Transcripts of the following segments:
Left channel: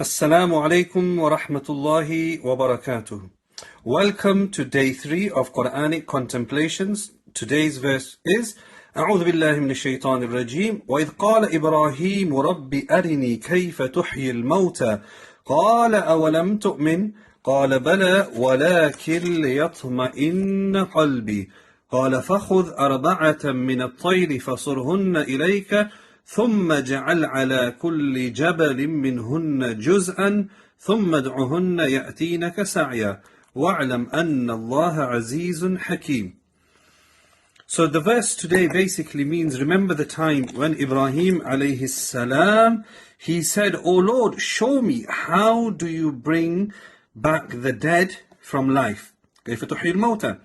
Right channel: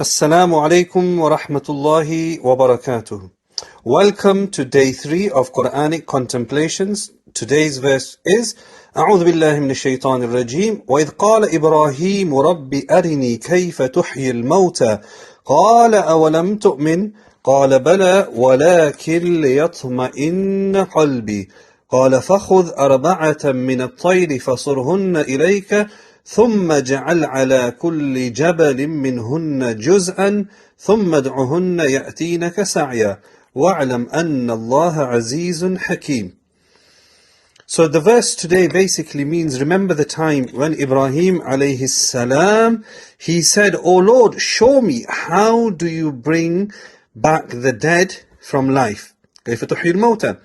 Assalamu alaikum wa rahmatullahi wa barakatuh. Welcome to day 3 of Qur'anic Contemplations. Today's verse is أعوذ بالله من الشيطان الرجيم وإذ قال إبراهيم رب أرني كيف تحيي الموتى قال أولم تؤمن قال بلى ولكن ليطمئن قلبي قال فخذ أربعة من الطير فصرهن إليك ثم اجعل على كل جبل منهن جزءا ثم ادعهن يأتينك سعيا واعلم أن الله عزيز حكيم. So the verse today basically means, remember the time when Ibrahim alayhi salam, he said, "O Lord, show me, how do you bring back the dead from life?" كيف تحيي الموتى.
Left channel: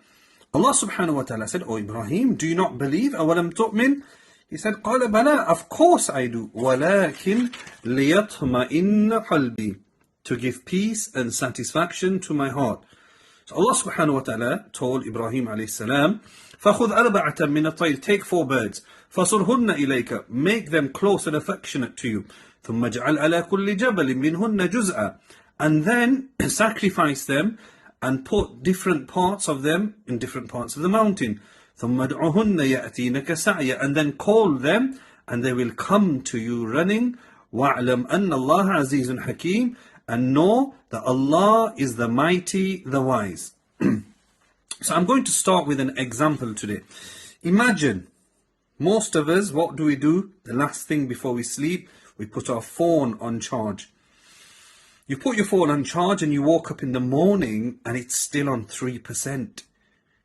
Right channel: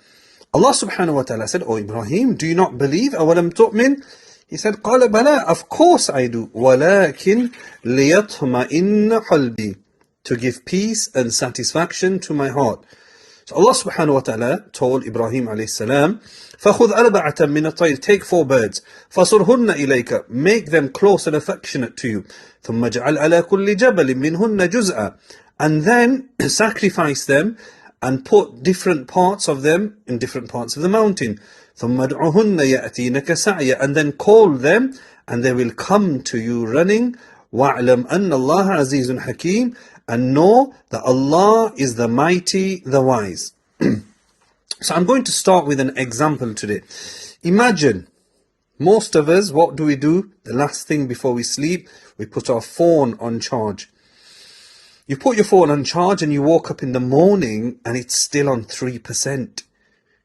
Allah subhanahu wa ta'ala said, "O Ibrahim, do you not believe? أولم تؤمن?" He said, قال بلى, of course I do. ولكن ليطمئن قلبي, to give peace and satisfaction to my heart. So Allah subhanahu wa ta'ala told Ibrahim alayhi salam, فَخُذْ أَرْبَعَةً مِنَ الطَّيْرِ, take 4 birds, فَصُرْهُنَّ إِلَيْكَ, make them close and affectionate to you, ثُمَّ اجْعَلْ عَلَى كُلِّ جَبَلٍ مِنْهُنَّ جُزْءًا, and then sacrifice them and put different parts of them in different parts of the mountain. ثُمَّ ادْعُهُنَّ يَأْتِينَكَ سَعْيًا, and then call them and they will come to you running. وَاعْلَمْ أَنَّ اللَّهَ عَزِيزٌ حَكِيمٌ, and know that Allah is the mighty, the wise. So I'm going to start with an example today. Imagine, most of us, what do? The last thing before we sleep, we put our phone on charge. You put your phone on charge and you woke up in the morning and it's still on 3%.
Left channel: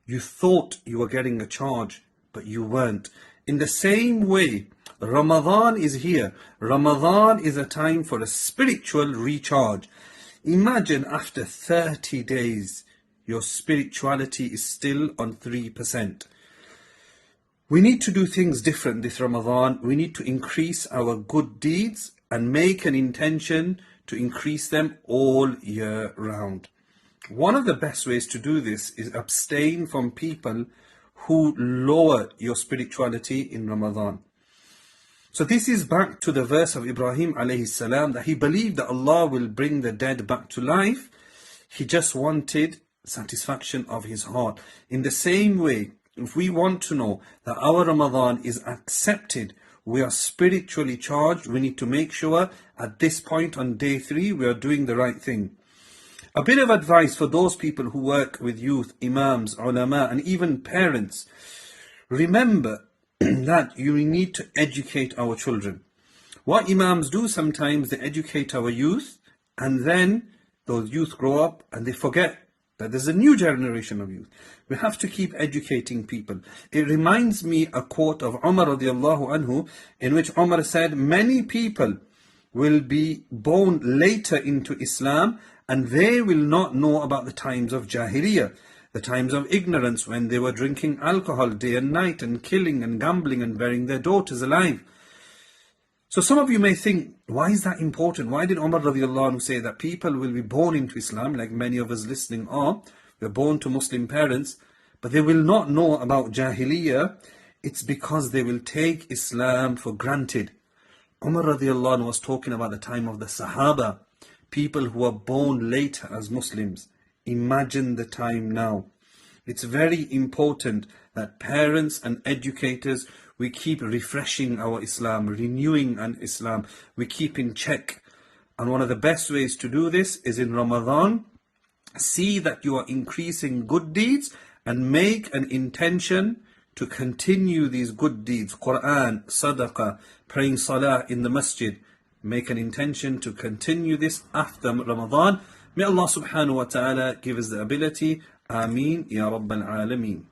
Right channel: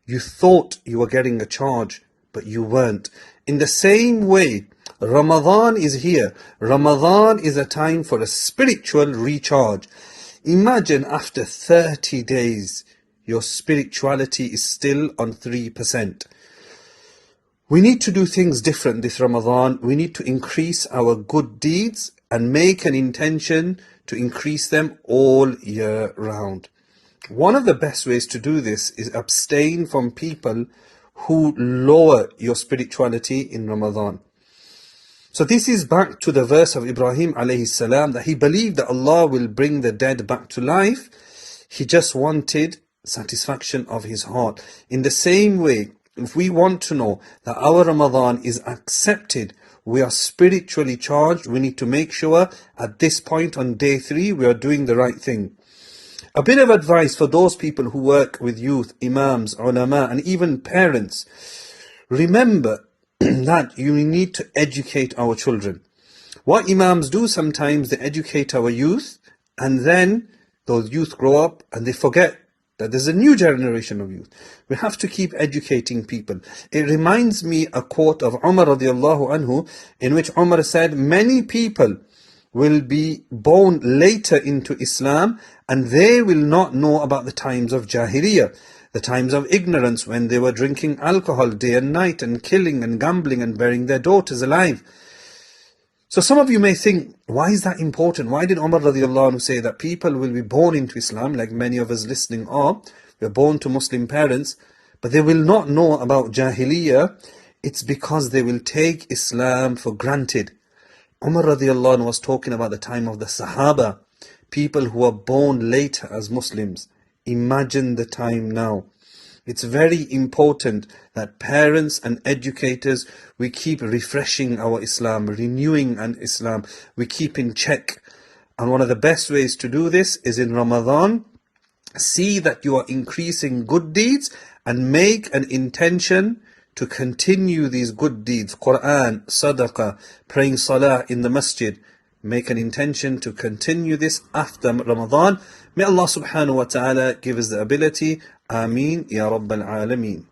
You thought you were getting a charge, but you weren't. In the same way, Ramadan is here. Ramadan is a time for a spiritual recharge. Imagine after 30 days, your spirituality is still on 3%. We need to do things different this Ramadan. We need to increase our good deeds and make an intention to increase them all year round. One of the best ways to do this is abstain from people who lower your spirituality in Ramadan. So this is back to the verse of Ibrahim alayhi salam, that he believed that Allah will bring the dead back to life. He just wanted satisfaction of his heart. In the same way, if we want to know that our Ramadan is accepted, we are spiritually charged, we need to make sure at this point on day 3 we are doing the right thing. A bit of advice for those people who work with youth, imams, ulama, and even parents. Remember that you need to educate our children. What imams do sometimes, they educate our youth, and then those youth grow up and they forget that there's a new generation of youth. We have to keep educating people. It reminds me a quote of Umar radiallahu anhu, in which Umar said, many people will be born later into Islam and they will not know about the times of Jahiliyyah, the times of ignorance when they were drinking alcohol day and night and killing and gambling and burying their daughters alive. So some of you may think, why is that important? Why did Umar radiallahu anhu say that people will be born into Islam, like many of us listening are, we're born to Muslim parents, but they will not know about Jahiliyyah? It's because they will take Islam for granted. Umar radiallahu anhu was talking about the time of the Sahaba, people who were born later as Muslims. Imagine the time now. It's very important that parents and educators, we keep refreshing our Islam, renewing an Islam, we keep in check. And one of the best ways to do this is in Ramadan. See that you are increasing good deeds and make an intention to continue these good deeds. Quran, sadaqah, praying salah in the masjid. Make an intention to continue this after Ramadan. May Allah subhanahu wa ta'ala give us the ability. Ameen ya Rabbal Alameen.